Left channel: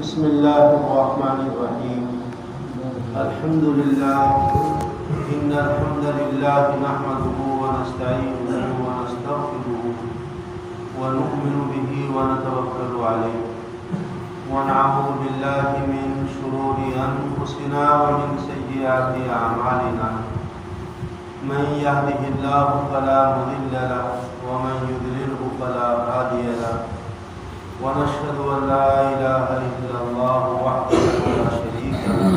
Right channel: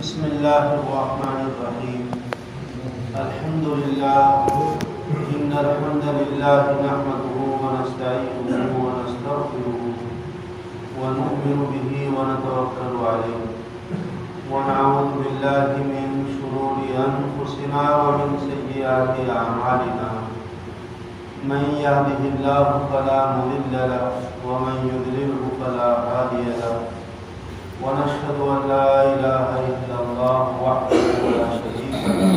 بسم الله الرحمن الرحيم. الحمد لله إن الحمد لله نحمده ونستعينه ونستغفره ونؤمن به ونتوكل عليه ونعوذ بالله من شرور أنفسنا ومن سيئات أعمالنا. من يهده الله فلا مضل له ومن يضلله فلا هادي له. ونشهد أن لا إله إلا الله وحده لا شريك له.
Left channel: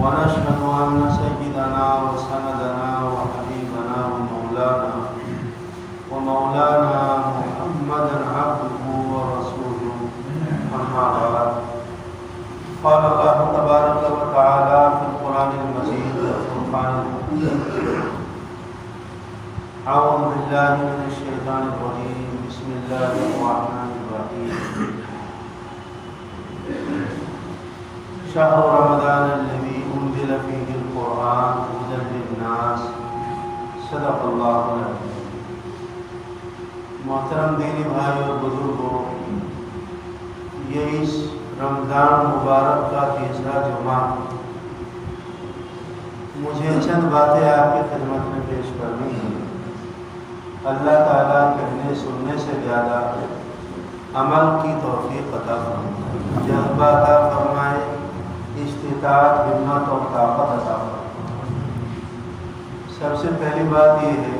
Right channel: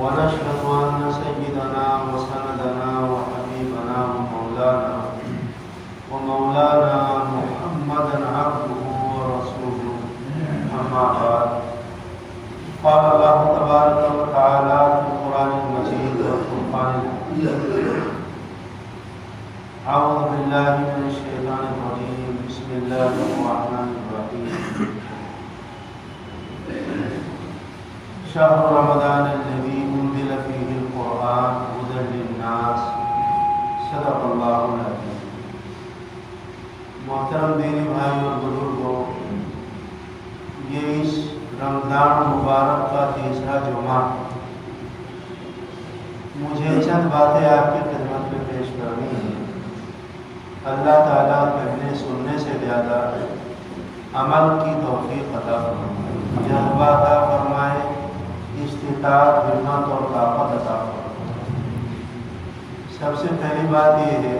ونشهد أن سيدنا وسندنا وحبيبنا ومولانا محمدا عبده ورسوله. أما بعد، قال الله تبارك وتعالى في القرآن المجيد والفرقان الحميد. أعوذ بالله من الشيطان الرجيم. بسم الله الرحمن الرحيم. شهر رمضان الذي أنزل فيه القرآن هدى للناس. صدق الله العظيم. محترم دینی بھائی اور بزرگوں، یہ اس رمضان مبارک کا تیسرا جمعہ، مجھے چند باتیں آپ کی خدمت میں پیش کرنی ہے. اللہ تعالیٰ کہنے سننے سے زیادہ عمل کی توفیق عطا فرمائے، جذبہ عطا فرمائے، استطاعت، ہمت اور طاقت عطا فرمائے. سب سے پہلی بات یہ ہے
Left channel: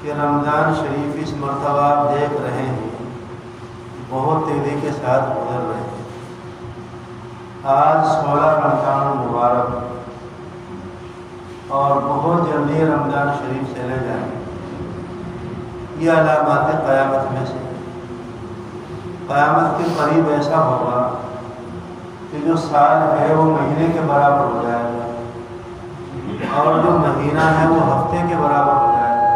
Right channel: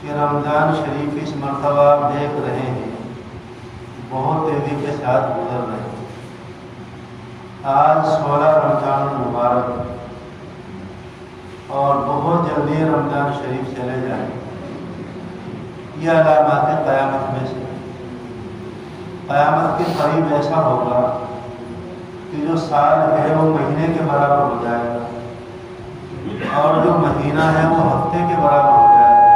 کہ رمضان شریف اس مرتبہ آپ دیکھ رہے ہیں بہت تیزی کے ساتھ گزر رہے ہیں. آج 16 رمضان مبارک اور بہت جلدی رمضان شریف چلے جائیں. یہ علامات قیامت میں سے قیامت کے قریب ایسا ہوگا کہ جو سال ہے وہ مہینے کے برابر ہو جائے گا، اور جو مہینہ ہے وہ ہفتے کے برابر ہو جائے گا،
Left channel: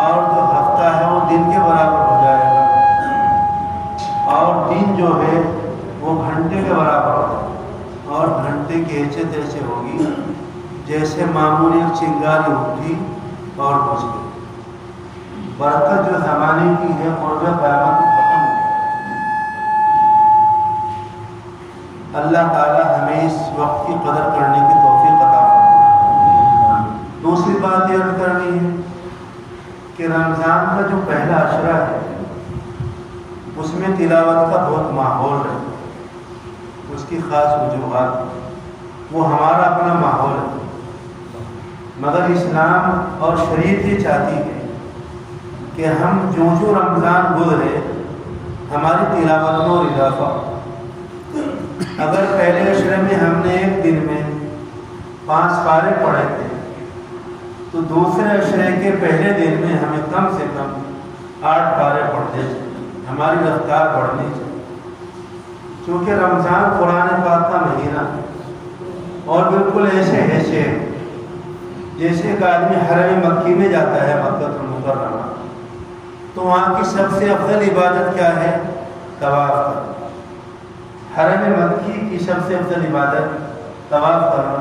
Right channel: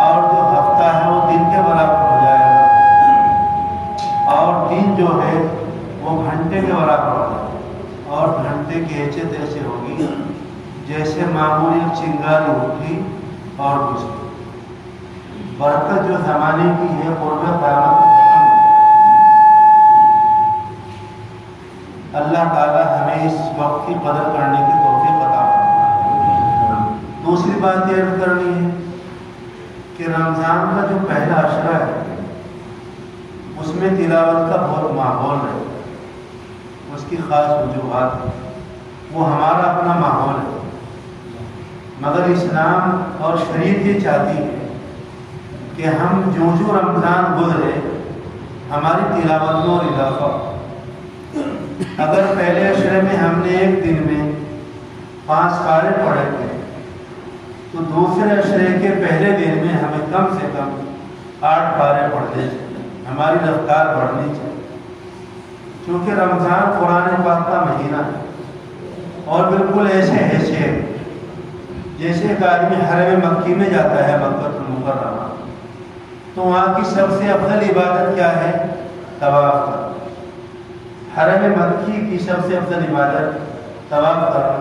اور جو ہفتہ ہے وہ دن کے برابر ہو جائے گا، اور دن جو ہے وہ گھنٹے کے برابر ہو جائے گا، اور گھنٹے کی حیثیت ایسے ہوگی جیسے معمولی چنگاری اٹھی اور بجھ گئی. برکت جو زمانے کی ہے قرب قیامت ختم. اللہ تعالیٰ ہمیں اس وقت کی قدر کرنے کی توفیق عطا فرمائے. دوسری بات یہ عرض کرنی ہے کہ رمضان کا جو پہلا عشرہ ہے اس میں تلاوت کا بہت ماحول ہے، اس کی خاص وجوہات ہے، وہ ہمارا اپنا ماحول ہے، مگر اسلام اور شریعت یہ چاہتی ہے کہ ہم جو رمضان گزرے ہماری تلاوت میں اور اضافہ. اگر پہلے عشرے میں ہم نے ایک دن میں 5 پارے پڑھے تھے تو دوسرے عشرے کے پہلے دن میں ہمیں کم سے کم 8 پارے پڑھنے چاہیے. ہماری رفتار بڑھنی چاہیے، چونکہ رمضان قرآن پاک کا مہینہ ہے اور بالکل ایسے جیسے ایک آدمی حرم مکی میں جاتا ہے، مکہ المکرمہ، تو وہاں کی سب سے افضل عبادت کیا ہے؟ طواف کرنا. حرم مکی کی سب سے افضل عبادت طواف کرنا.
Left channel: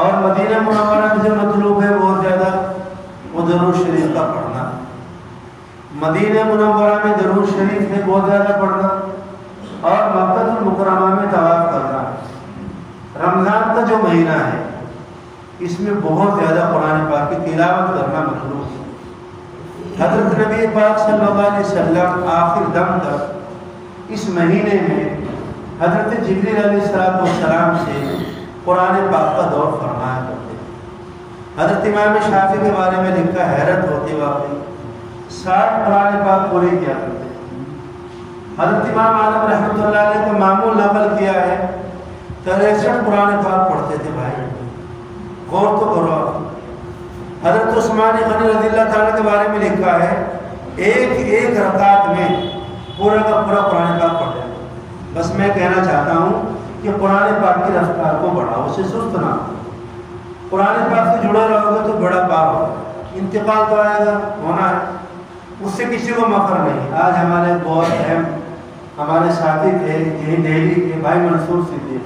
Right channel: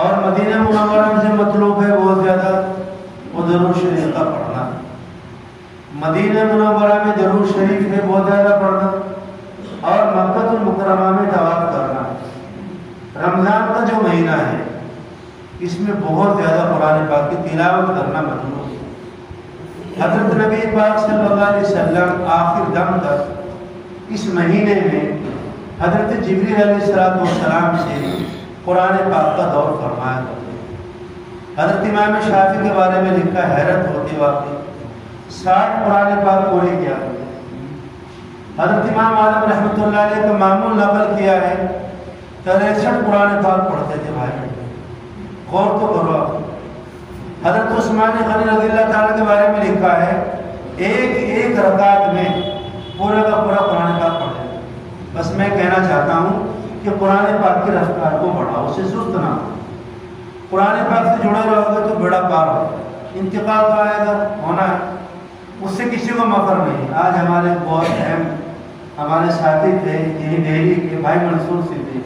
اور مدینہ منورہ میں جو مطلوب ہے بہت زیادہ وہ درود شریف کا پڑھنا. مدینہ منورہ میں درود شریف ہے بہت زیادہ پڑھنا، اور مکہ المکرمہ میں طواف کرنا. رمضان کا جو مہینہ ہے اس میں بہت زیادہ قرآن پاک کی تلاوت کرنا مطلوب ہے. حضرت نبی پاک صلی اللہ علیہ وسلم آخر دم تک اس مہینے میں حضرت جبریل علیہ السلام سے قرآن پاک کا دور فرمایا کرتے. حضرت امام شافعی کے بارے میں لکھا، حیرت ہوتی واقعی 60 قرآن پاک پوری کیا کرتے. حضرت امام عالم رحمۃ اللہ علیہ کا معمول نقل کیا ہے 63 قرآن پاک پڑھتے تھے. بھائی غور تو کرو آپ. حضرت عثمان غنی رضی اللہ تعالیٰ کے بارے میں لکھا ہے ایک رکعت میں پورا کا پورا قرآن پاک پڑھے. بس میں کہنا چاہتا ہوں کہ قرآن پاک کی رفتار کو بڑھاؤ، اسے سست نہ. قرآن پاک سے جڑے رہو گے تو بڑا پار ہوگا. انتقال تو آئے گا، ہونا ہے، اس سے کسی کو مفر نہیں. آج ہمارے بہت اہم ہمارے ساتھی تھے یہی دہلی کے بھائی منصور صدیق،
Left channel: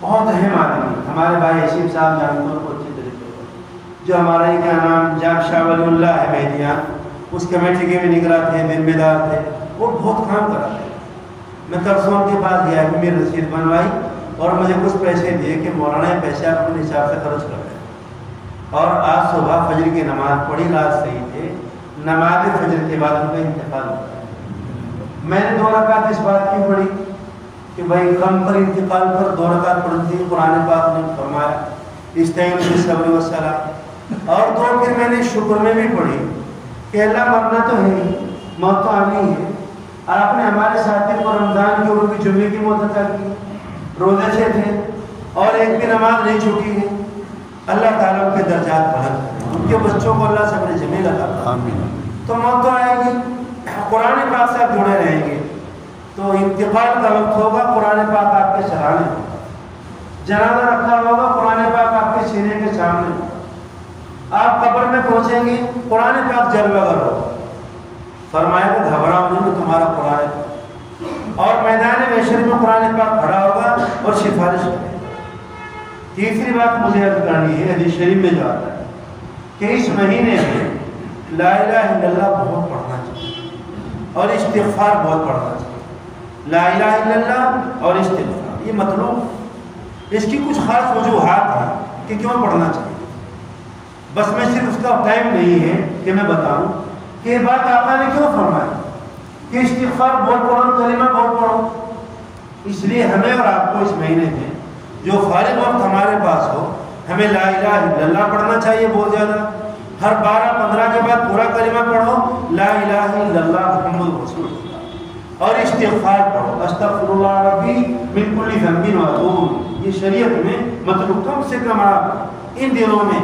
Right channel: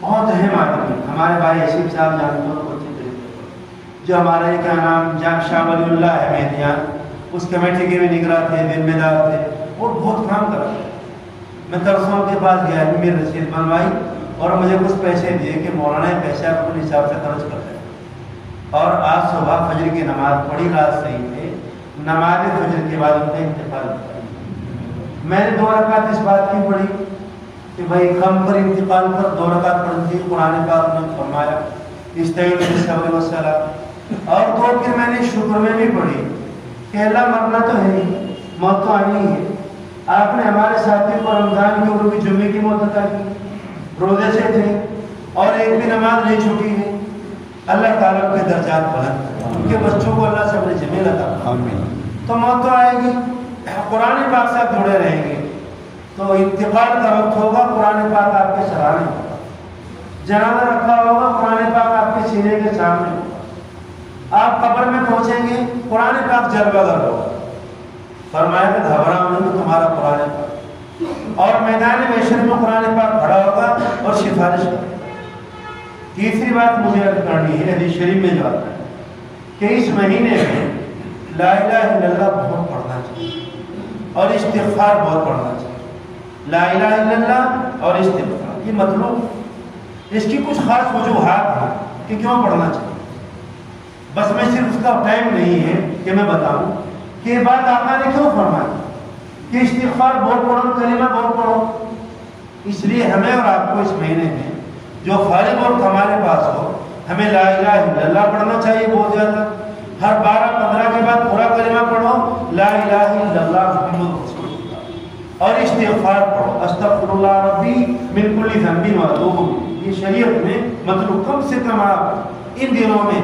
بہت اہم آدمی. ہمارے بھائی حسیب صاحب جانتے ہیں اچھی طریقے سے، جو ہمارا کیا نام جام شاہ ولی اللہ ہے مہدیان، اس کمیٹی کے بھی نگراں تھے، ذمہ دار تھے. وہ بہت کام کرتے ہیں. میں ترسوں کے پاس گیا کہ میری رسید بنوائی اور مجھے کچھ پیسے دیے کہ مولانا یہ پیسے آپ اپنے حساب سے خرچ کر دیں. اور آج صبح فجر کی نماز پڑھی، رات صحیح تھے، نماز فجر کے بعد ان کا انتقال ہوا. میں نے 2 رکعت اس بات کی پڑھی کہ بھائی غم پر انتقال پر 2 رکعت پڑھی تھی. قرآن پاک نے فرمایا استعینوا بالصبر والصلاۃ. اور 2 پھر میں نے شکر میں بھی پڑھی کہ اللہ مرنا تو ہے ہی، موت تو آنی ہے. آپ نے ہمارے ساتھی کو رمضان کی اور بھی جمعے کی موت عطا کی، روزے سے تھے اور ایک بھی نماز نہیں چھوٹی ہے. اللہ تعالیٰ کے درجات بلند کرے، ان کے بچوں کو اللہ صبر جمیل عطا کرے. تو موت تو آئے گی، قرآن پاک سے جڑے رہیں گے تو انتقال کا وقت ہوگا، قرآن پاک آپ کے سرانے ہوگا. جنازہ رکھا ہوگا، قرآن پاک آپ کے سینے کے سامنے ہوگا. آپ قبر میں پہنچیں گے، قرآن پاک جلوہ گر ہوگا. فرمایا کہ گھبراؤ نہیں کہ تمہارا قرآن پاک. اور میدان محشر میں قرآن پاک کھڑا ہوگا اور سفارش کرے گا. تیسری بات مجھے عرض کرنی ہے، حدیث شریف میں جو آتا ہے کہ اس مہینے میں لا الہ الا اللہ بہت پڑھنا چاہیے اور استغفار بہت پڑھنا چاہیے. لا الہ الا اللہ اور استغفار یہ مطلوب. اس کی کچھ خاص وجوہات ہیں کہ کیوں پڑھنا چاہیے. بس میں صرف اس کا ٹائم نہیں ہے کہ میں بتاؤں کہ یہ بات آقا نے کیوں فرمائی کہ استغفار بہت پڑھو، کلمہ بہت پڑھو. اس لیے ہمیں اور آپ کو اس مہینے میں جو فارغ وقت ہمارے پاس ہو، ہمیں لا الہ الا اللہ پڑھنا چاہیے بہت زیادہ. ہر 12-15 کے بعد پورا کلمہ پڑھو لا الہ الا اللہ محمد رسول اللہ. اور استغفار پڑھو استغفر اللہ ربی من کل ذنب واتوب الیہ. یہ شریعت میں مطلوب کم سے کم آپ ان دنوں میں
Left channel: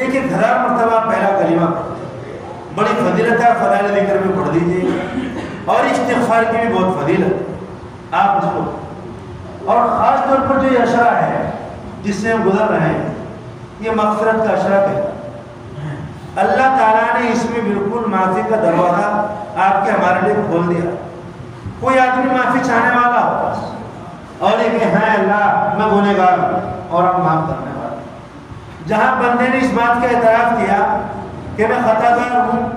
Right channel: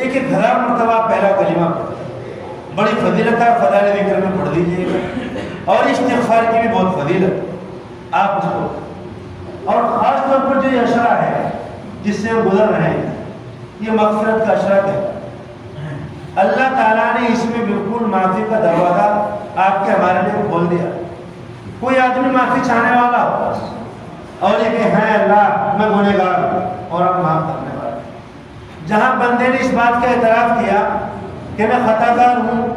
1000 مرتبہ پہلا کلمہ پڑھو. بڑی فضیلت ہے، فضائل ذکر میں پڑھ دیجیے. اور استغفار کی بھی بہت فضیلت آپ اس کو. اور خاص طور پر جو یہ اشرا ہے جس سے ہم گزر رہے ہیں، یہ مغفرت کا اشرا ہے. اللہ تعالیٰ نے اس میں بالکل معافی کا دروازہ آپ کے ہمارے لیے کھول دیا. کوئی آدمی معافی چاہنے والا ہو اور یہ کہ ہے اللہ میں گنہگار ہوں اور اب معاف کرنے والا. جہاں بندے نے اس بات کا اعتراف کیا کہ میں خطا کار ہوں،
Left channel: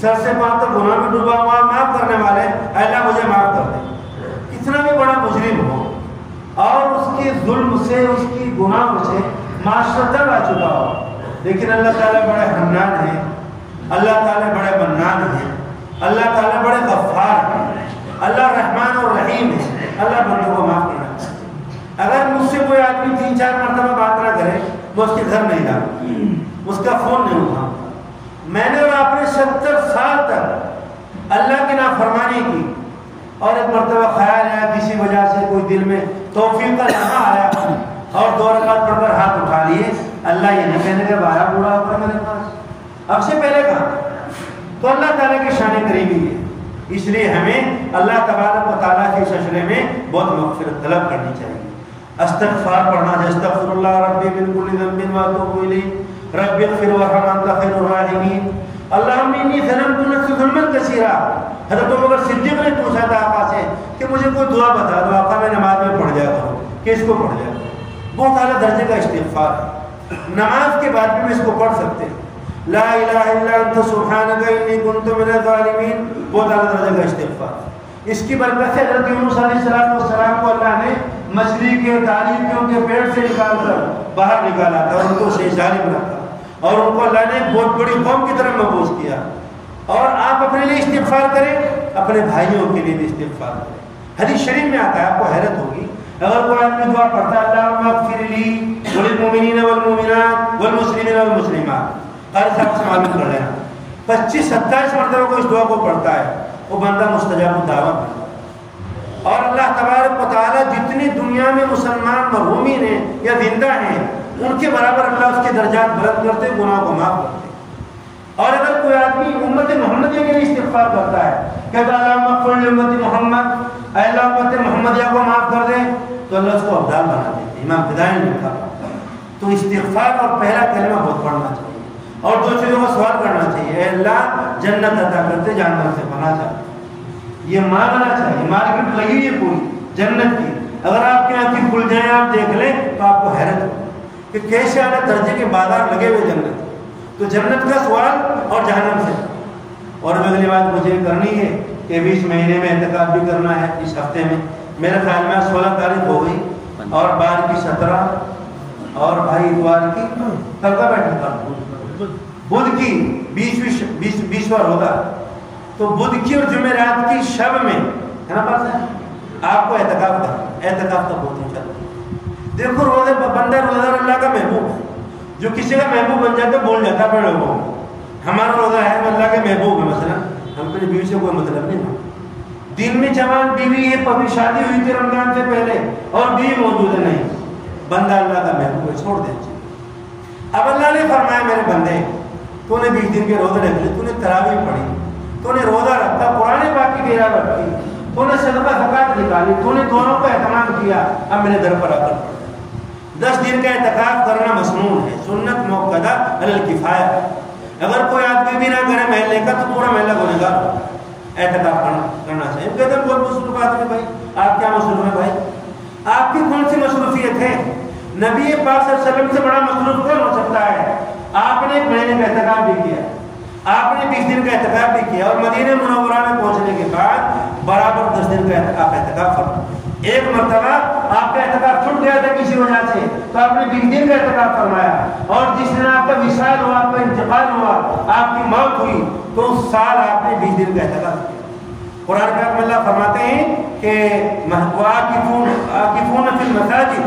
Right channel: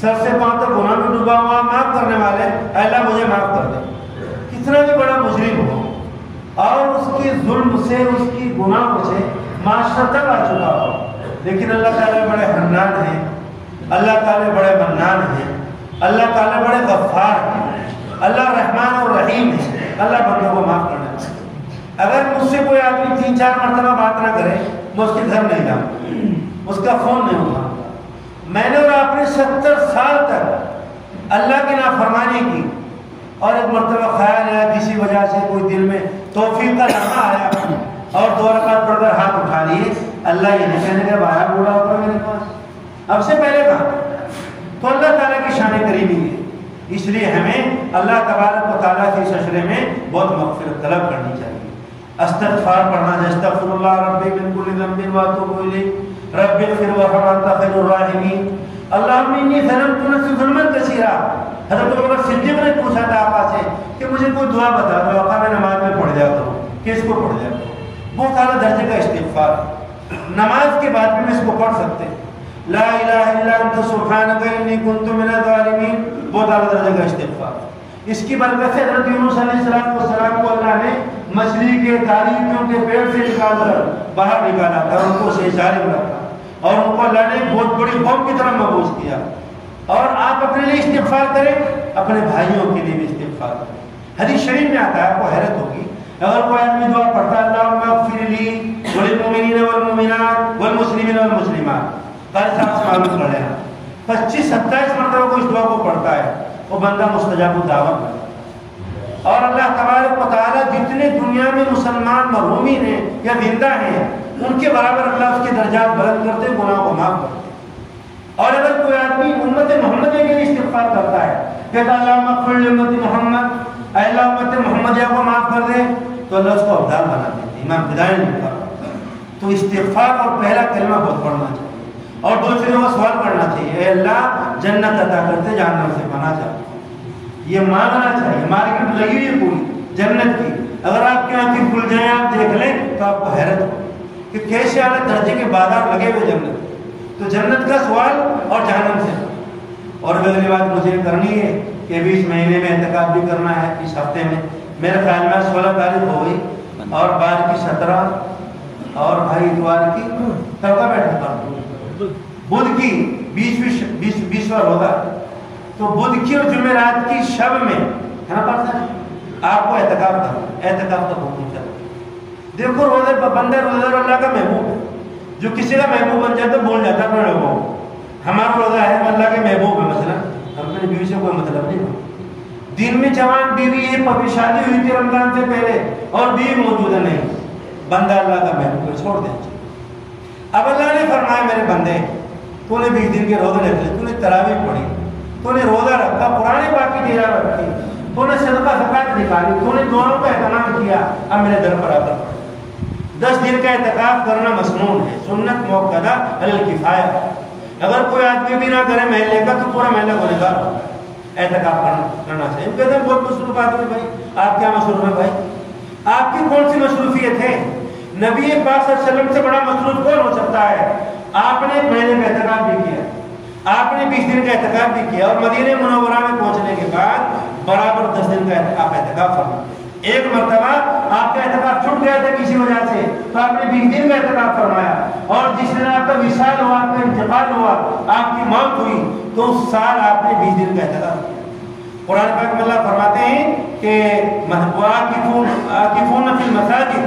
سر سے پاؤں تک گناہ میں ڈوبا ہوا، معاف کرنے والے اللہ مجھے معاف کر دے. کتنا بھی بڑا مجرم ہو اور اس کے ظلم سے، اس کی گناہوں سے معاشرہ تنگ آ چکا ہو، لیکن اللہ تعالیٰ بڑے حنان ہیں، اللہ تعالیٰ بڑے منان ہیں، اللہ تعالیٰ بڑے غفار ہیں، اللہ رحمان اور رحیم ہے. اللہ بندوں کو معاف کرنا چاہیے. اگر مجھ سے کوئی آدمی 3-4 مرتبہ بات نہ کرے، میں اس کے گھر نہیں جاؤں، اس کا فون نہیں اٹھاؤں. میں نے اور آپ نے 70 سال تک اللہ کی نافرمانی کی اور ایک مرتبہ خیال آیا کسی وجہ سے کوئی دل میں توفیق کا لمحہ آیا اور 2 رکعت پڑھ کر ہاتھ اٹھا لیے. اللہ یہ نہیں کہنے کا آیا بوڑھا ہو کر میرے پاس، اب سے پہلے کہا. تو اللہ تعالیٰ کی شان قریبی ہے. اس لیے ہمیں اللہ تبارک و تعالیٰ کے اس اشرے میں بہت مغفرت طلب کرنی چاہیے. استغفار پڑھنا ہے، استغفر اللہ ربی من کل ذنب واتوب الیہ رب اغفر وارحم انت خیر الراحمین. اللہم انی ظلمت نفسی ظلما کثیرا. حضرت ابوبکر صدیق نے پوچھا تھا آقا سے کہ مجھے کوئی دعا بتا دو. آقا میں نماز میں پڑھ جایا کروں. کس کو پڑھ جایا کروں؟ بہت اعلیٰ درجے کا استغفار ہے. نماز کے بعد بھی اس کو پڑھ سکتے ہیں. لا الہ الا انت سبحانک انی کنت من الظالمین، بہت اعلیٰ درجے کا استغفار. اس کی برکت سے حضرت یونس علیہ السلام کو اللہ نے مچھلی کے تاریکیوں کے پیٹ سے نکال کر باہر نکالا تھا اور ان کو جانب رکھا اور ان کو اللہ نے بہت بڑی قوم کی طرف مبعوث کیا. اور آپ اپنے لیے استغفار کریں، اپنے بھائیوں کے لیے بھی استغفار کریں. حدیث شریف میں آتا ہے، آپ کو حیرت ہوگی، اگر کوئی آدمی دعا پڑھتا ہے اللہم اغفر لی وللمؤمنین والمؤمنات والمسلمین والمسلمات، قاری صاحب سے معلوم کر لینا، 25-27 مرتبہ کو اس دعا کو پڑھتا ہے، وہ بندہ مستجاب الدعوت ہے. اور اللہ تبارک و تعالیٰ جتنے دنیا میں مسلمان مرحومین ہیں یا زندہ ہیں ان کے برابر اللہ اس کے درجات بلند کرتے، گناہ کو معاف کرتے. اور اگر کوئی آدمی امت محمدیہ کے لیے استغفار کرتا ہے، کہتا ہے اللہم اغفر لامت محمد، اے اللہ امت محمدیہ کو معاف کر دیں، تو اللہ اس کو افضل بنا دیتے ہیں. امام ہدایت نے کہا. تو استغفار اور پہلا کلمہ بہت پڑھنا چاہیے اور 2 چیزوں کا سوال کرنا چاہیے. اے اللہ جنت عطا کرتے، جہنم سے پناہ چاہتے. یہ مانگنا چاہیے. مارکیٹ لگی ہے پوری جنت کی. اگر آپ کی آنکھیں کھل جائیں، آپ دیکھ لیں تو آپ کو حیرت ہوگی کہ کیسے اعلیٰ درجے کے بازار لگے ہوئے جنت. تو جنت کا سوال اور جہنم سے. اور اگلی بات مجھے کرنی ہے کہ ابھی اس مہینے میں اعتکاف بھی کرنا ہے، اس ہفتے میں میرے خیال میں 16 تاریخ ہو گئی اور 12 کی 17 اور بھائی اتوار کی کل کا بیٹھا تھا بدھ کی 20واں ہوگا، تو بدھ کی اور جمعرات کی شب میں ہے نا پاس آپ کو اعتکاف کا بہت چل دیکھو روزے بندہ روزہ اللہ کا محبوب ہے، جو کسی کا محبوب بن جاتا ہے بھول جاتا ہے بڑے وہ ہمارا روزہ ہے اللہ کے محبوب ہے، مثلا ہم اپنی بیوی سے کوئی مطلب نہیں ہو، دن میں جوان بیوی ہے، پبھی شادی ہوئی تھی رمضان سے پہلے اور بیوی موجود ہے، نہیں بندہ اللہ کا محبوب ہے، چھوڑ دیں۔ اب اللہ نے فرمایا میرے بندے تو نے 20 دن کے روزے رکھ لیے، تو نے تراویح پڑھی، تو نے روزہ رکھا، قرآن پاک کی تلاوت رکھی، تو نے صدقہ زکات نکالی، تو نے دونوں کا اہتمام کیا، اب میرے گھر پر آ کر 10 دن کا اعتکاف کرنا مسنون ہے، سنت موقدہ علی الکفایہ، اگر کوئی آدمی بھی نہ کرے محلے کا تو پورا محلہ گنہگار اعتکاف کرنا چاہیے۔ کہتے ہیں بہت مصروف آدمی، بھائی آپ کیا مصروف ہے؟ بھائی آپ کی کون سی مصروفیت ہے؟ نبی پاک صلی اللہ علیہ وسلم سے بڑا مصروف کون ہو سکتا ہے؟ آپ نے ایک مہینے کا اعتکاف بھی کیا، آپ نے 20 دن کا اعتکاف بھی کیا، اور مدینہ منورہ میں پہنچنے کے بعد برابر 10 دن کا اعتکاف فرمایا۔ ایک مرتبہ آپ کا اعتکاف چھوٹ گیا تھا کسی وجہ سے تو آپ نے 20 دن کا اعتکاف فرمایا، اور جس دن آپ کا وصال ہوا، آپ کا انتقال ہوا، آپ کی موت ہوئی، تو اس سال آپ نے 20 دن کا اعتکاف کیا۔ قرآن پاک میں اللہ فرماتے ہیں کہ عاکفون فی المساجد،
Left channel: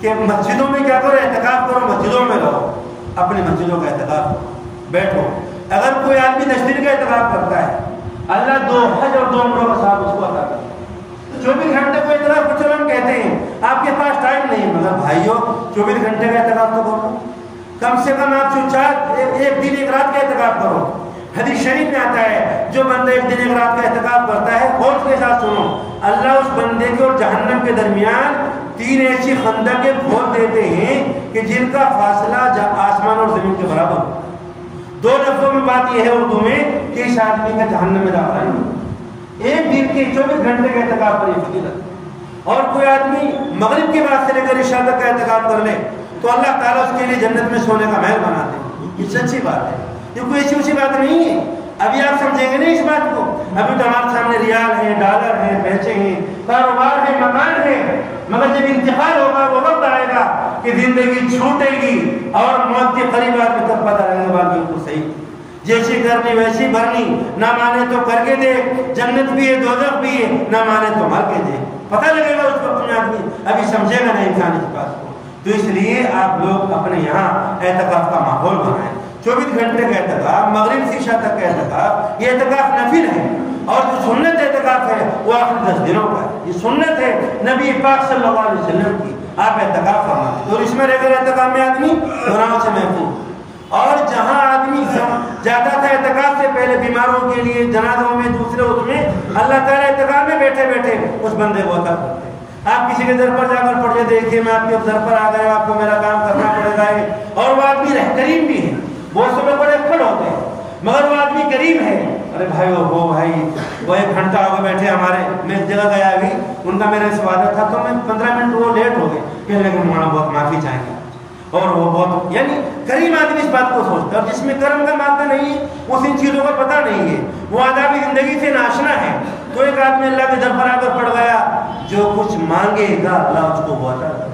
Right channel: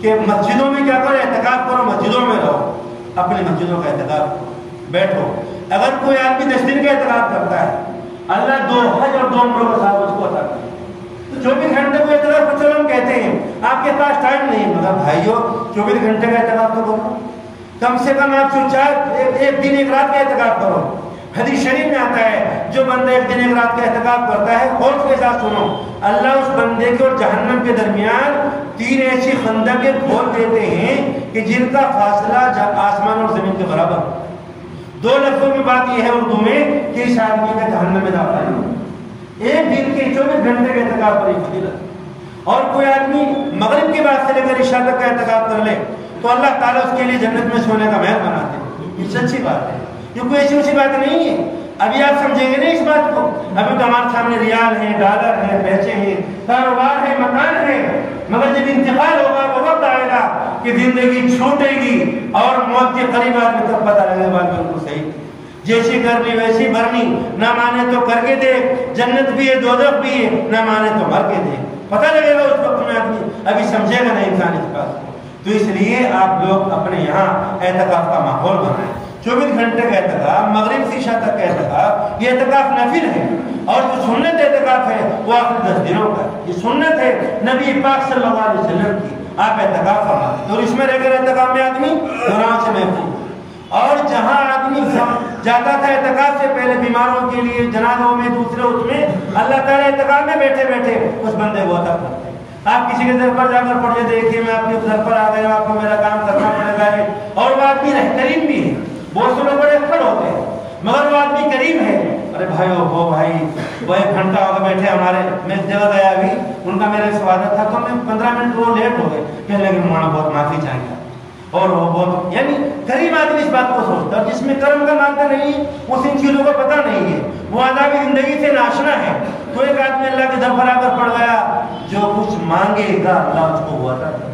کہ مسجدوں میں کیا کرو؟ اعتکاف کرو، مسجدوں میں رہو، اپنی مسجدوں کا اعتکاف کرو، بیٹھو۔ اگر کوئی آدمی 10 دن کا اعتکاف کرتا ہے، اللہ 2 حج اور 2 عمروں کا ثواب اس کو عطا کرتا ہے۔ 24 گھنٹے کو اعتکاف کو چلو ہم کہتے ہیں آپ کے پاس ٹائم نہیں، مگر بھائیو 24 گھنٹے کا اعتکاف تو کرو، کم سے کم آپ 1 دن 1 رات کا اعتکاف کرو۔ حدیث شریف میں آتا ہے جو بندہ 1 دن 1 رات کا اعتکاف کرتا ہے، غور کے ساتھ سنو، اللہ اس بندے کے اور جہنم کے درمیان 3 ایسی خندقیں کھول دیتے ہیں کہ جن کا فاصلہ آسمان اور زمین کے برابر ہو۔ 2 لفظوں میں بات یہ ہے اردو میں کہ اس آدمی کا جہنم میں داخلہ نہیں، 1 دن کے 24 گھنٹے کا اعتکاف پر فضیلت۔ اور کوئی آدمی مغرب کی بات سے لے کر عشاء تک کا اعتکاف کر لے تو اللہ تعالیٰ اس کے لیے جنت میں سونے کا محل بناتے ہیں۔ یہ سچی بات ہے، یہ کوئی ایسی بات نہیں ہے۔ ابھی آپ سمجھیں گے نہیں اس بات کو، ابھی تو ہمارے سامنے ریال ہے، ڈالر ہے، پیسے ہیں، کاروبار ہے، مکان ہے، مگر جب انتقال ہوگا وہ وقت آئے گا کہ زندگی چھوٹے گی اور موت کے قریب آدمی تب پتہ لگے گا بالکل صحیح، جیسی کرنی ویسی بھرنی، نہ مانے تو کر کے دے، جنت بھی ہے دوزخ بھی ہے، نہ مانے تو مر کے دے، پتہ لگے گا اس وقت میں آدمی، ابھی سمجھے گا نہیں انسان اس بات کو۔ تو اس لیے آپ لوگ اپنے یہاں اعتکاف کا ماحول بنائیں۔ 24 گھنٹے کا اعتکاف، مغرب سے عشاء تک کا اعتکاف، یہ اعتکاف نفل ہے، اور جو سنت اعتکاف ہے وہ آخر 10 دنوں کا ہے، یہ سنت ہے نبی پاک صلی اللہ علیہ وسلم کی، آپ اعتکاف فرمائیں تو اس میں رہ کر اعتکاف میں آدمی گناہ سے محفوظ۔ اور جہاں آدمی جاتا تھا اعتکاف سے پہلے بیماروں کے لیے، جنازوں میں، دوسرے اس میں، اللہ تعالیٰ اعتکاف میں بیٹھے بیٹھے اس بندے کو عطا کرتے ہیں۔ آپ کسی کے در پر جا کر پڑھیے، دیکھیے میں آپ کے در پر آ گیا، آپ کو میرا کام کرنا پڑے گا، اور وہ آدمی کریم بھی ہے، بہت سے لوگ بڑے اکڑ ہوتے ہیں مگر وہ آدمی کریم ہے، ارے بھائی وہ 1 گھنٹہ ہو گیا بیٹھے ہمارے، میں ایک جگہ گیا ابھی، ان کا میرے سوادت تھا تو میں 15 منٹ وہ لیٹ ہو گئے، کہنے لگے مولانا بہت معافی چاہیں گے، اور وہ بہت یعنی کریم آدمی اس بات کو سوچتا ہے، اور جس میں کرم کا مادہ نہیں ہے اس ان چیزوں کو پتہ نہیں ہے، وہ آدابی زندگی سے ناشنا ہے۔ تو ایک آدمی اللہ کے در پر آ کر پڑ گیا، جو کچھ مانگے گا اللہ اس کو وہ عطا کرے گا۔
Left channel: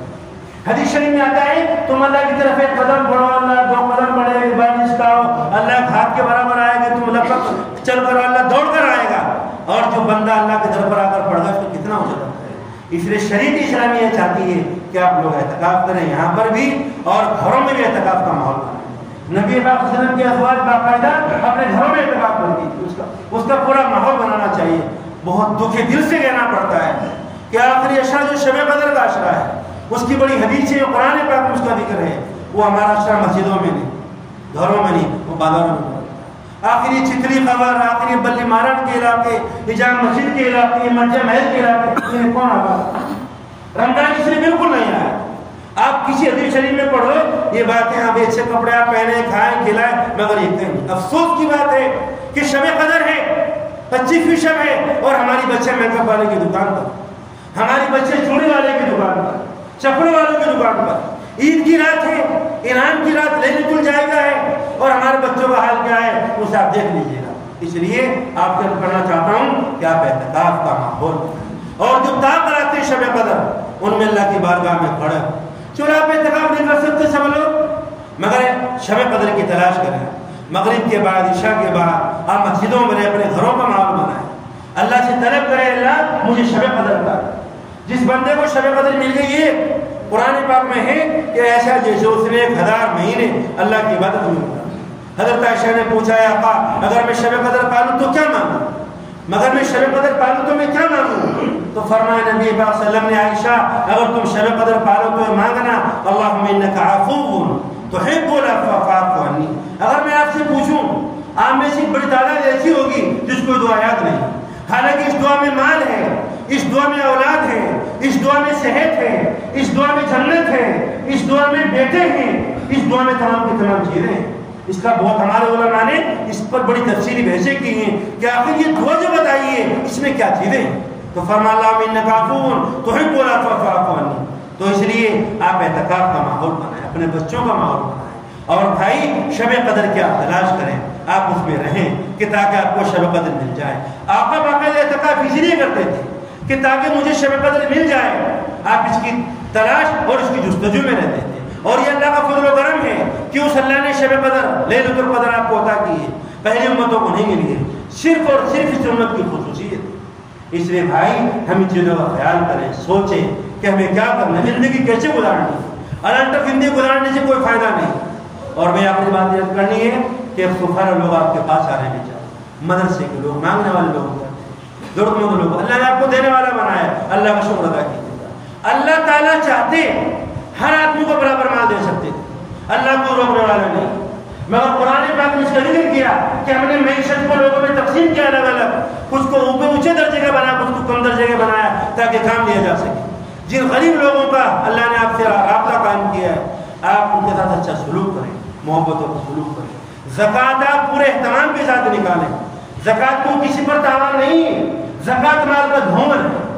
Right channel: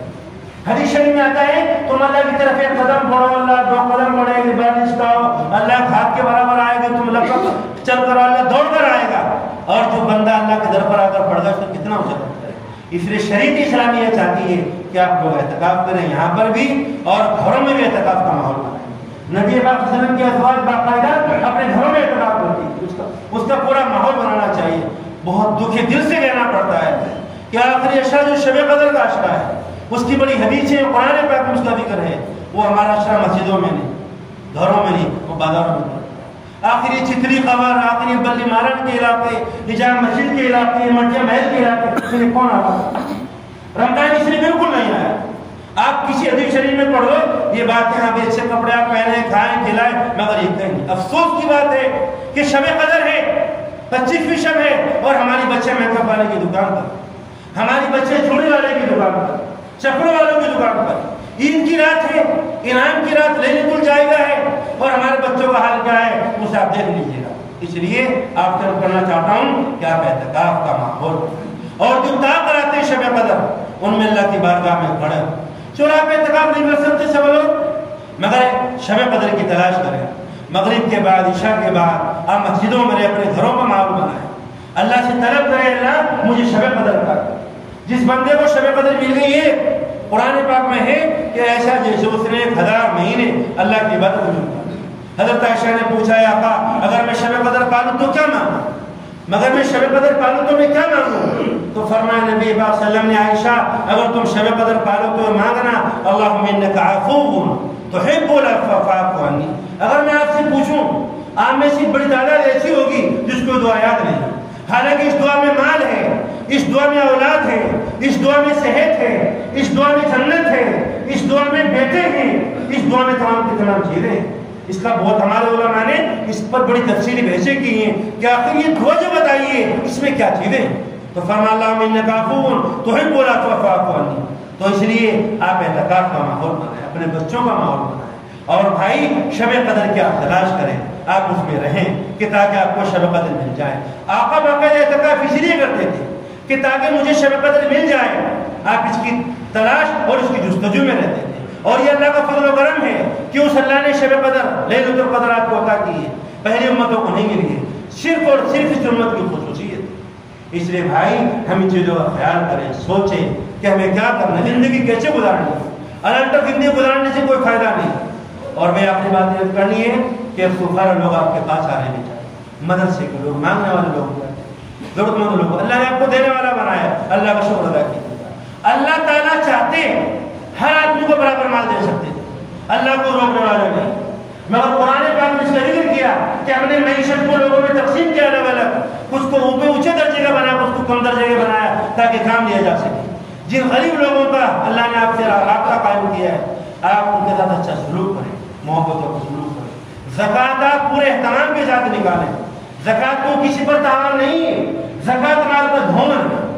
حدیث شریف میں آتا ہے تم اللہ کی طرف 1 قدم بڑھو اللہ 2 قدم بڑھے گا، بارش کا اللہ ایک ہاتھ کے برابر آئے گا، تم لپک چل کر اللہ دوڑ کر آئے گا، اور جو بندہ اللہ کے در پر آ کر پڑ گا اس کو کتنا ہو سکتا ہے۔ اس لیے شریعت اسلامی یہ چاہتی ہے کہ آپ لوگ اعتکاف کریں یہاں پر بھی اور گھروں میں بھی اعتکاف کا ماحول بنائیں۔ نبی پاک صلی اللہ علیہ وسلم کی ازواج باقاعدہ اپنے گھروں میں اعتکاف کرتی تھی، اس کا پورا ماحول بنانا چاہیے۔ بہت دکھ دل سے کہنا پڑتا ہے کہ آخری عشرہ جو شب قدر کا عشرہ ہے اس کی بڑی حدیث ہے، قرآن پاک میں اس کا ذکر ہے، وہ ہمارا عشرہ مسجدوں میں نہیں، گھروں میں نہیں، وہ بازاروں میں نہیں۔ آخری چتری قمر، آخری بلی مارن کے علاقے، حجام مسجد کے علاقے، منجا محل کے علاقے میں کون آتا ہے؟ رمضان اس لیے بالکل نہیں آیا۔ آپ کسی حدیث شریف میں پڑھ لو یہ باتیں، آپ اچھے کپڑے آپ پہنے، کھائیں کھلائیں، مگر یہ کہیں نہیں۔ افسوس کی بات ہے کہ شب قدر ہے، 25ویں شب ہے، اور ہماری بچے میک اپ والے کی دکان پر، ہماری بچے چوڑی والے کی دکان پر، چپڑوں والوں کی دکان پر، عید کی رات ہے، انعام کی رات، لیلۃ الجائزہ ہے، اور ہمارے بچوں کا حال کیا ہے اسے آپ دیکھ لیجیے گا۔ اس لیے آپ سے کرنا چاہتا ہوں کہ آپ اعتکاف کا ماحول، اور جو طاقت شب قدر ان میں اللہ کی بارگاہ میں کھڑا. چلو آپ اعتکاف نہیں کر سکتے سب لوگ، مگر شب قدر کی تلاش کریں. مغرب کے بعد عشاء کے بعد آپ مسجدوں میں اپنے گھروں کا ماحول بنائیں. اللہ سے طلب کرے اللہ مجھے شب قدر عطا کر. جس بندے کو شب قدر مل گئی ہے قرآن پاک میں ہے کہ ایسا جیسے اس نے 1000 مہینے اللہ کی عبادت میں گزارے. حضرت عائشہ نے پوچھا یا آقا اگر میں شب قدر پالوں تو کیا مانگوں، مگر میں شب قدر پالوں تو میں کیا مانگوں؟ تو فرمایا نبی پاک صلی اللہ علیہ وسلم نے عائشہ اگر تم شب قدر پالو تو مانگنا اللہم انک عفو تحب العفو فاعف عنی. اگر میں آپ سے پوچھوں آپ میں سے بڑی تعداد ایسی ہوگی جس کو دعا یاد نہیں، حالانکہ اس دعا میں مال ہے، اس دعا میں اولاد ہے، اس دعا میں صحت ہے، اس دعا میں جنت ہے، اس دعا میں بیٹے ہیں، اس دعا میں تمام کی تمام چیزیں ہیں. اس کا بہت ہمارے علماء نے اس پر بڑی تفصیلی بحثیں کی ہیں کہ آخر یہ دعا جو بتائیے اس میں کیا چیزیں ہیں. تو فرما اللہم انک عفو تحب العفو فاعف عنی. تو اس لیے آپ اعتکاف کا ماحول بنائیں، اپنے بچوں کا ماحول بنائیں، اور بھائی شب قدر کی آپ تلاش کریں، آپ اس میں رہیں کہ تاکہ آپ کو شب قدر مل جائے. آقا باقاعدہ اعتکاف اس لیے کرتے تھے کہ تاکہ مجھے شب قدر مل جائے. آپ اس کی تلاش اور اس کی جستجو میں رہتے تھے. اور یہ اللہ کا فضل و کرم ہے کہ اس اللہ نے شب قدر لیلۃ القدر آپ کو عطا کی ہے، پہلی امتوں کو نہیں ملی ہے، صرف اور صرف اس امت کی خصوصیت. اس لیے بھائی ہم ان چیزوں کا خیال کریں، سوچیں کہ ہمیں کیا کرنا، زندگی کیسے گزارنی ہے. الٹر زندگی گزارنے سے کوئی فائدہ نہیں. اور میں اپنی بات یہ کرنی ہے کہ خفارہ لوگ آپ کے پاس آ رہے ہیں، چاہیے مدرسے کے لوگ، مانگنے والے لوگ، ضرورت مند لوگ، اللہ نے آپ کو دینے والا بنایا ہے، اللہ کا شکر ادا کیجیے. اللہ تعالیٰ چاہتے ہر آدمی کو برابر مال دے سکتے تھے، اللہ کو روکنے والا نہیں. مگر قرآن پاک نے اس کا ذکر کیا کہ ہم نے معیشت کو لوگوں میں تقسیم کیا الگ الگ، کچھ کو اوپر اونچے درجے کا بنا، کچھ کو کم درجے کا بنایا تاکہ کام لیا جا سکے. جن غریب لوگوں کا اللہ نے آپ سے رابطہ قائم کیا ہے آپ ان کے ساتھ اچھا سلوک کریں، محبتوں کا سلوک کریں. زکوٰۃ آپ پورے اہتمام کے ساتھ نکالیں. زکوٰۃ کو کسی پر تاوان نہیں ہے، زکوٰۃ مال کا دھومر ہے،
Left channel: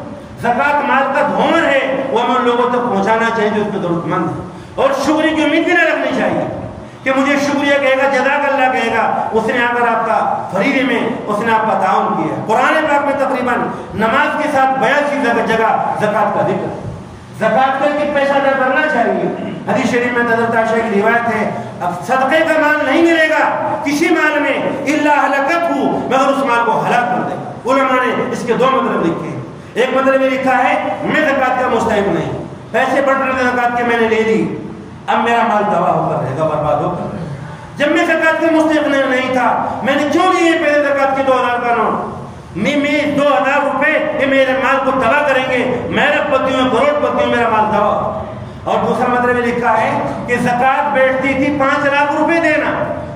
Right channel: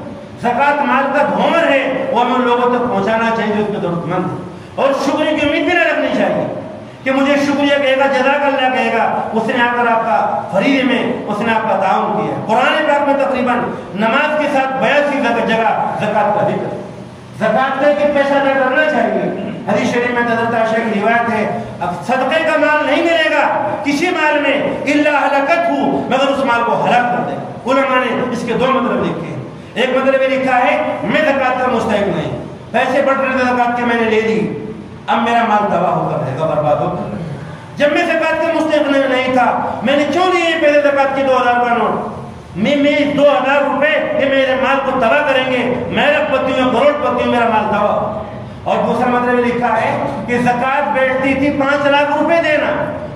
زکوٰۃ مال کا دھومر ہے، وہ ہم ان لوگوں تک پہنچانا چاہیے جو اس کو ضرورت مند ہے. اور شکریہ کی امید بھی نہ رکھنی چاہیے کہ مجھے شکریہ کہے گا، جزاک اللہ کہے گا، اس نے آ کر آپ کا فریضے میں اس نے آپ کا تعاون کیا. قرآن پاک میں تقریباً نماز کے ساتھ 82 جگہ زکوٰۃ کا ذکر ہے. زکوٰۃ کر کے پیسہ ادا کرنا چاہیے. حدیث شریف میں حضرت عائشہ کی روایت ہے اب صدقے کا مال نہیں ملے گا کسی مال میں الا ہلاکت ہو، مگر اس مال کو ہلاک کر دے. علماء نے اس کے 2 مطلب لکھے ہیں. ایک مطلب یہ لکھا ہے میں زکوٰۃ کا مستحق نہیں، پیسے بڑھ رہے زکوٰۃ کے میں نے لے لی، اب میرا مال تباہ ہو کر رہے گا، برباد ہو کر. جب میں زکوٰۃ کا مستحق نہیں تھا میں نے کیوں لیے پیسے زکوٰۃ کے 2000 کا نوٹ، میں 2000 روپے یہ میرے مال کو تباہ کریں گے، میرا پتی ہوں کروڑ پتی ہوں، میرا مال تباہ ہو. اور دوسرا مطلب یہ لکھا ہے کہ زکوٰۃ بیٹھتی تھی 5 لاکھ روپے دینا،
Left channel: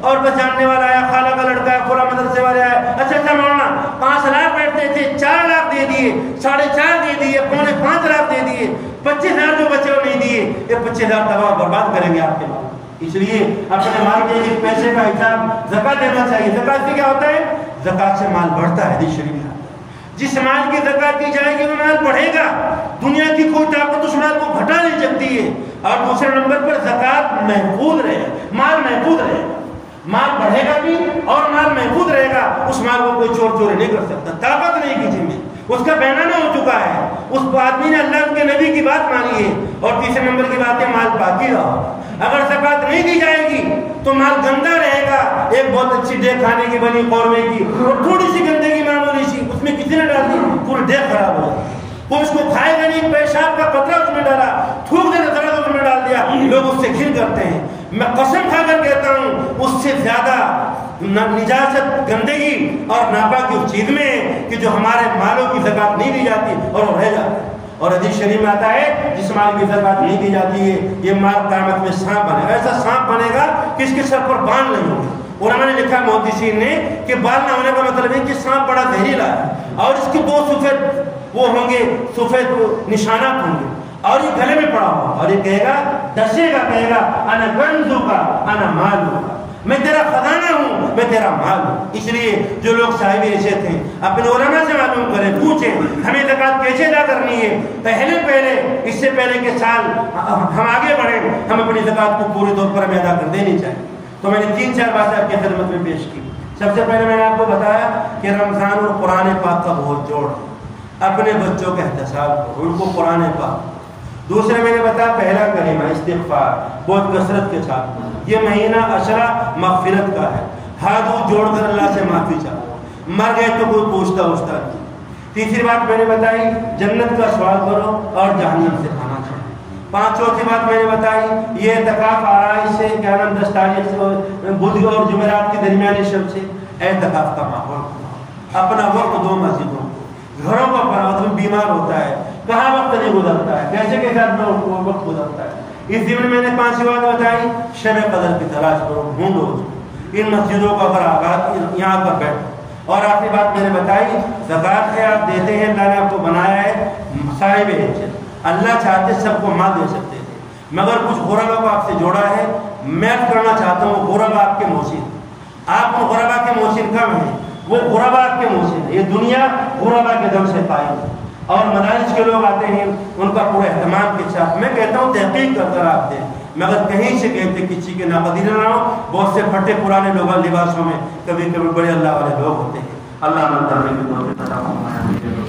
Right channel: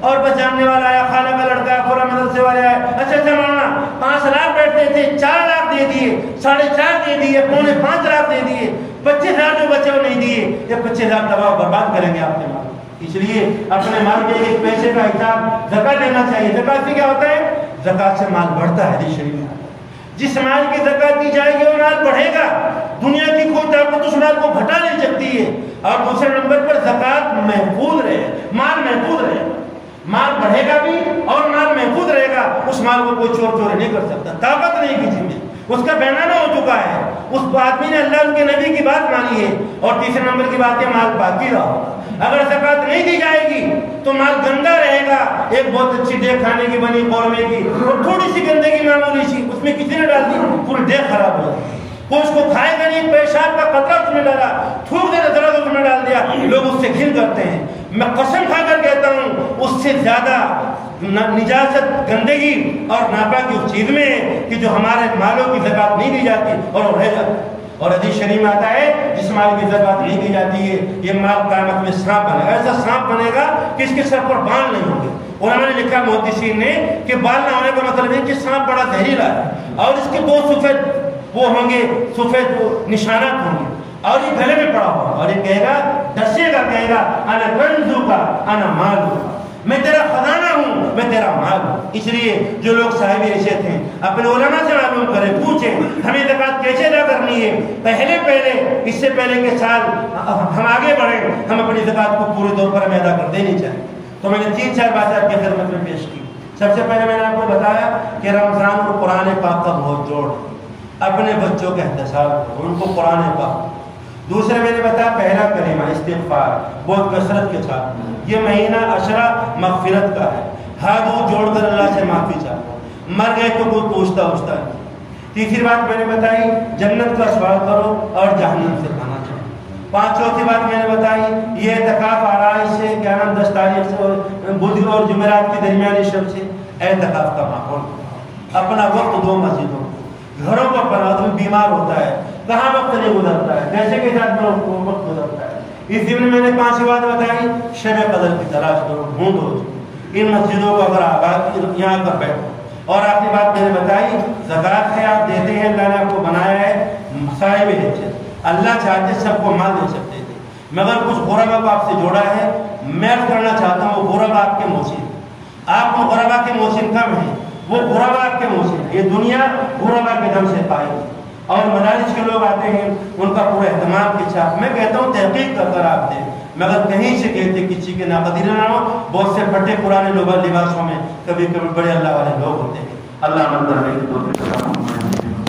اور بس جاننے والا آیا، خالہ کا لڑکا، پورا مدرسے والے آئے، اچھا مولانا 5 لاکھ بیٹھتے تھے، 4 لاکھ دے دیے، 4.5 دے دیے، 5.25 لاکھ دے دیے، 25,000 جو بچے وہ نہیں دیے، یہ 25,000 تباہ برباد کریں گے آپ کے مال. اس لیے اپنے مال کے لیے پیسے کا حساب زکوٰۃ دینا چاہیے. زکوٰۃ سے کیا ہوتا ہے؟ زکوٰۃ سے مال بڑھتا ہے. حدیث شریف میں جس مال کی زکوٰۃ دی جائے گی وہ مال بڑھے گا، دنیا کی کوئی طاقت اس مال کو گھٹا نہیں سکتی ہے. اور دوسرے نمبر پر زکوٰۃ محفوظ رہے، مال محفوظ رہے، مال بڑھے گا بھی اور مال محفوظ رہے گا. اس مال کو کوئی چور چوری نہیں کر سکتا، طاقت نہیں کسی میں، اس کا بینامہ ہو چکا ہے. اس آدمی نے اللہ کے نبی کی بات مانی ہے. اور تیسرے نمبر کی بات ہے مال باقی رہا. اگر زکوٰۃ نہیں دی جائے گی تو مال گندا رہے گا. ایک بہت اچھی دیکھ کھانے کی بنی قورمے کی اور تھوڑی سی گندگی معمولی سی اس میں کسی نے ڈال دی پوری دیکھ خراب ہو جائے. وہ اس کو کھائے گا نہیں، پیشاب کا قطرہ اس میں ڈالا، تھوک دے درد اس میں ڈال دیا، لوگ اس سے گھن کرتے ہیں. میں قسم کھا کر کہتا ہوں اس سے زیادہ نجاست گندگی اور ناپاکی اس چیز میں ہے کہ جو ہمارے مالوں کی زکوٰۃ نہیں دی جاتی اور وہ رہ جاتی ہے. اور حدیث شریف میں آتا ہے جس مال کی زکوٰۃ نہیں کی جاتی ہے یہ مال قیامت میں سانپ بنے گا. ایسا سانپ بنے گا کہ اس کے سر پر بال نہیں ہوں گے. علماء نے لکھا محدثین نے کہ بال نہ ہونے کا مطلب ہے کہ سانپ بڑا زہریلا ہے اور اس کے 2 سفید وہ ہوں گے، سفید نشانات ہوں گے اور یہ گلے میں پڑا ہوگا اور یہ کہے گا، ڈسے گا، کہے گا انا کنزو کا انا مالو، میں تیرا خزانہ ہوں، میں تیرا مال ہوں. اس لیے جو لوگ صاحب حیثیت ہیں اپنے علماء سے معلوم کریں، پوچھیں ہمیں زکوٰۃ کیسے ادا کرنی ہے. پہلے اس سے پہلے کے سال ہم آگے بڑھیں، ہم اپنی زکوٰۃ کو پورے طور پر ہمیں ادا کر دینی چاہیے. تو میں نے 3-4 باتیں آپ کی خدمت میں پیش کی. سب سے پہلے میں نے آپ کو بتایا کہ رمضان اور قرآن پاک کا بہت جوڑ ہے. اپنے بچوں کا احتساب کرو، ان کو قرآن پاک۔ دوسرے میں نے بتایا پہلا کلمہ استغفار، بہت کثرت کے ساتھ۔ یہ مہینہ عشرہ مغفرت کا ہے، ہاتھ جوڑ کر اللہ سے معافی چاہو، مر گئے تو کوئی پوچھتا نہیں۔ تیسری بات میں نے بتائی جنت کا سوال کرو اور جہنم سے پناہ چھوڑو۔ چوتھی بات میں نے بتائی یہ اعتکاف آرائش سے 10 تاریخ سے بدھ اور جمعرات کے درمیانی شب سے اعتکاف کا ماحول، اپنا وقت دو مسجدوں کو، گھروں کا پر آدمی بیمار ہوتا ہے کہاں وقت نہیں گزرتا ہے، کیسے کے ساتھ میں وقت گزرتا ہے۔ اس دن میں نے 5 بات بتائی، شب قدر کی تلاش کرو، ڈھونڈو ان مسجدوں کو، اگر آباد یہاں کر بیٹھو۔ اور آخری بات میں نے بتائی زکوٰۃ ہے، آپ دیتے ہیں، اللہ نے آپ کو بنایا ہے صاحب حیثیت، اللہ چاہتے سب کو مال دے سکتے تھے، مگر کچھ غربا کو آپ سے جوڑا ہے، میں کرنا چاہتا ہوں وہ غربا آپ کے موسم، آپ کو غربا کے موسم کم ہے، وہ غربا آپ کے موسم، یہ دنیا غربا کے دم سے قائم ہے۔ اور مدارس کے لوگ آتے ہیں ان کا پورا اہتمام کے ساتھ، میں کہتا ہوں تحقیق کر کر آپ دیں، مگر کہیں سے کہتے کسی کے ناقدین نہ ہو۔ بہت سے پھٹے پرانے لوگ لباسوں میں کبھی کبھی بڑے اللہ والے لوگ ہوتے ہیں، اللہ نے